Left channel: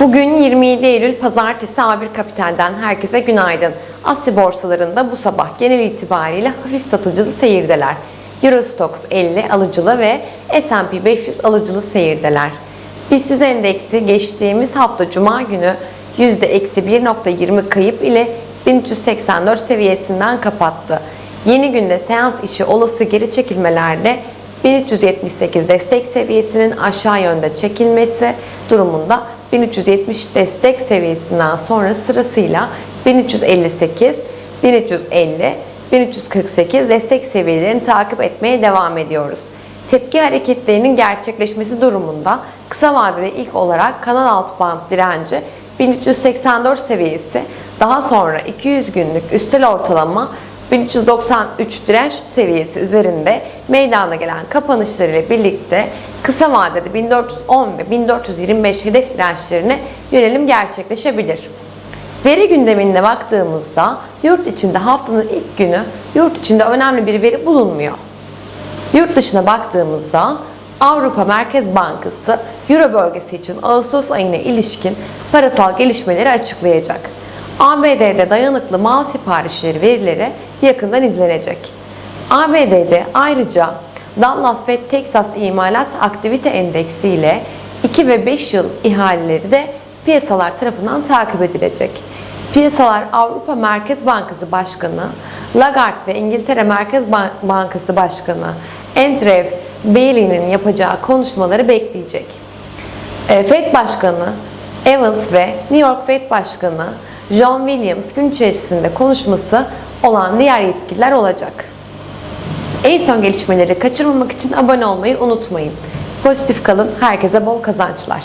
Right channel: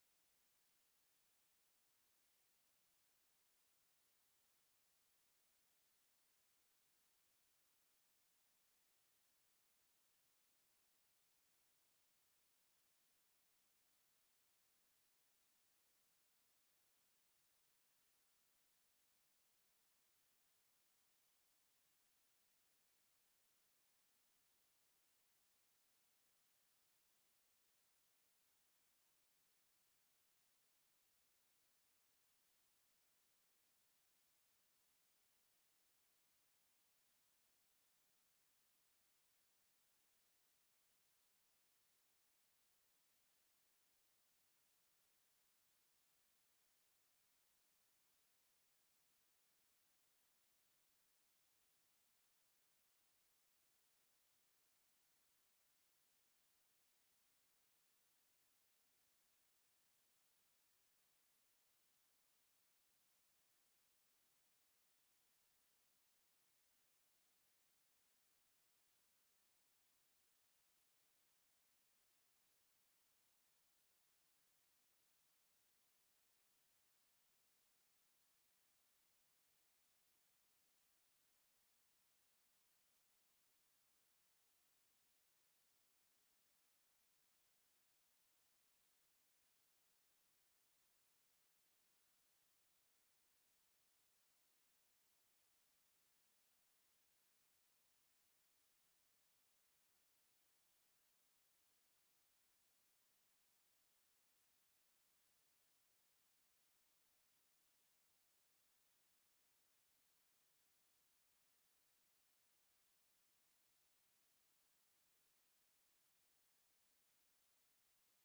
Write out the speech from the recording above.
Bugün 27 Eylül Pazartesi A1 Kapital'den herkese günaydın. Asya borsalarında bu sabah genel itibariyle hafif satıcılı seyirdeler. Eurostox 50 alıcılı ve S&P 500 alıcılı seyirdeler. BIST endeksi geçtiğimiz hafta Cuma günü %-1.20 kayıp ile 1384 seviyesinden kapattı. Yeni günde seans içi olası geri çekilmelerde 1378 destek seviyesinin aşağı yönde çekilmesi durumunda 1370 destek seviyesinden sonra sırasıyla 1358, 1350, 1348 destek seviyelerini takip etmeye devam ediyoruz. Tepki hareketlerinin gerçekleşmesi durumunda kısa vadede ilk olarak kanal alt band direnci 1384 seviyesi, daha sonra 200 günlük üstel ortalama 1393 direnç seviyesi üzerinde meydana gelen kapanışlarıyla birlikte kısa vadede 1410 ve 1425 hedef dirençlerine yönelim gerçekleşebilir. Veri gündemine baktığımızda yurt içinde haftanın ilk günü yurt içinde önemli bir veri bulunmuyor. Yurt dışına baktığımızda Avrupa Merkez Bankası Euro bölgesi için Ağustos ayına ilişkin parasal gelişmeleri açıklayacak. ABD'de dayanıklı mal siparişleri verileri yakından izlenecek. ABD'de ayrıca Dallas ve Texas İmalat Aktivite Endeksi ile 2 ve 5 yıl ihaleleri de piyasalar tarafından takip edilecek. Piyasalar Avrupa Merkez Bankası Başkanı Lagarde ve İngiltere Merkez Ban- Bankası Başkanı Andrew Bailey'nin yapacağı konuşmaları bekleyecek. E, Fed Başkanı Evans ve New York Fed Başkanı John Williams gün içerisinde konuşması olan diğer yetkililer olacak. En son gelişmeleri kaçırmamak için abone olmayı unutmayın. Pozitif kalın, herkese bol kazançlar.